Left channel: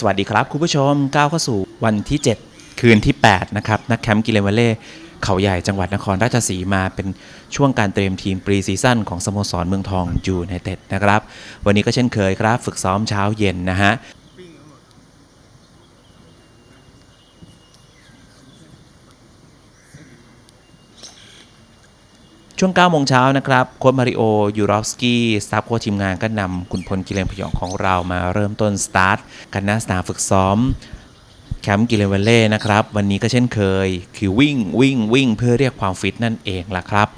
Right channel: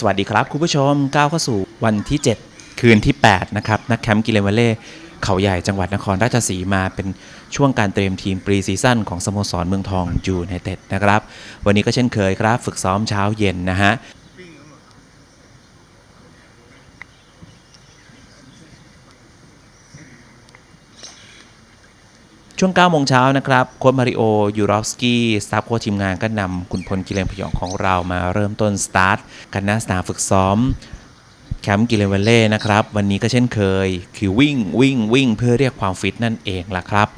สวัสดีครับ คุณผู้ชมก้าวเข้าสู่วันที่ 7 คืนที่ 8 นะครับนักแคมป์กิเลนวัลเล่เขาใหญ่จังหวัดนครราชสีมาเป็นช่วงการเตรียมทีมปรีซีซั่นของสโมสรเมืองทองยูไนเต็ดนะครับ วันนี้ก็เช่นเคยครับ ฝึกซ้อมเช้าเย็นนะฮะ ช่วง9โมงเช้านะครับโค้ชมาริโอยูรอฟสกี้สตาฟโค้ชทีมงานก็นำคุณพลกิเลนพยองของเรามาเริ่มต้นสตาร์ทกันหน้าสนามฝึกซ้อมแคมป์กิเลนเวลเล่นะครับ วันนี้ก็เช่นเคย คือวิ่งวิ่งวิ่งเพื่อเรียกความฟิตนั่นเองล่ะครับ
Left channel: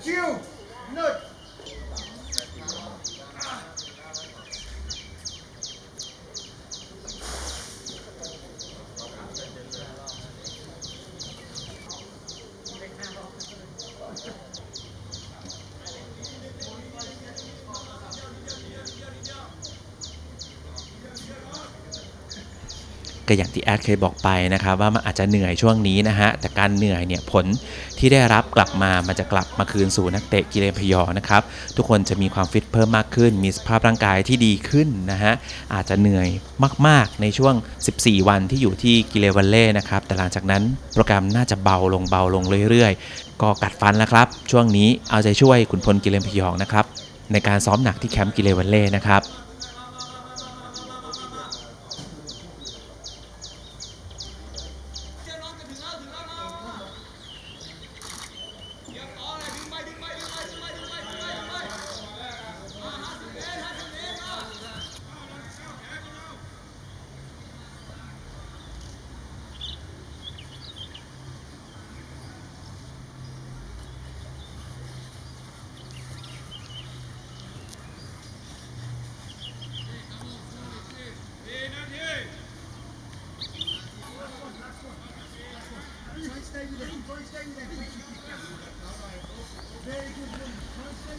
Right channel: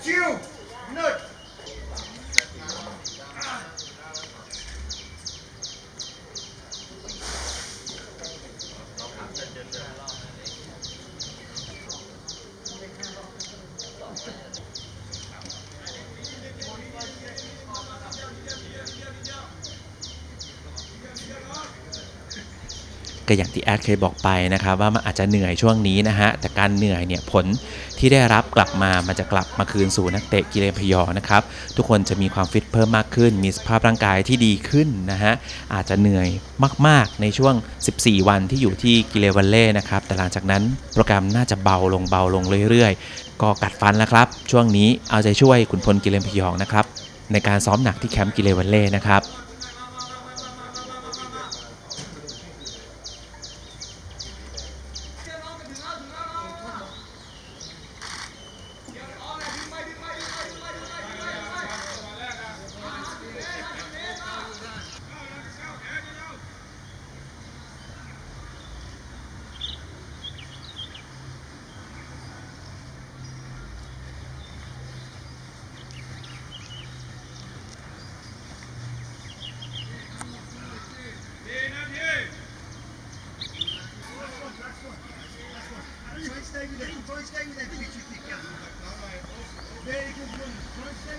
九 ก็อย่างที่แอดเคยบอกไปนะครับว่ามันอาจจะเหนื่อยช่วงนี้นะฮะแต่การเหนื่อยเนี่ยผลที่ได้รับกลับมามันจะกลับมาคืนสู่นักเตะกิเลนพยอนะครับทุกคนจะมีความฟิตเพิ่มมากขึ้น มีสภาพร่างกายที่ดีขึ้นนะฮะอาจจะเหนื่อยมาก ๆ ในช่วง 14 วันที่อยู่ที่กิเลวัลเล่นะครับแต่หลังจากนั้นโปรแกรมน่าจะเบาลงเบาลงเรื่อยๆ ก็กัดฟันแล้วครับ ช่วงนี้เอาใจช่วยขุนพลกิเลนพยองนะครับในการซ้อมหนักที่แคมป์กิเลวัลเล่นะครับ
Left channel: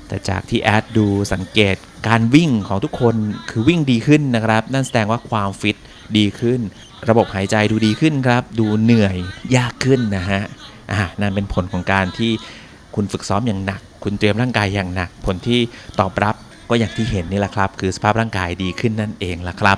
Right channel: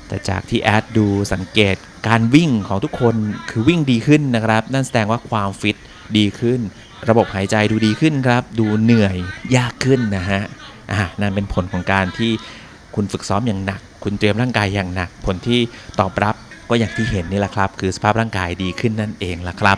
แต่จากที่แอดดูสังเกตการวิ่งของทุกคนคือวิ่งดีขึ้นนะครับ นั่นแสดงว่าความฟิตดีขึ้น ระบบหายใจดูดีขึ้นครับ ดูเหนื่อยยากขึ้นนะฮะอ่านั่นเป็นผลของการที่คุณฝึกซ้อมอย่างหนัก คุณเตรียมร่างกายอย่างหนัก ผลที่ตอบรับก็อย่างที่เห็นนี่แหละครับ คือสภาพร่างกายดีขึ้นนั่นเองล่ะครับ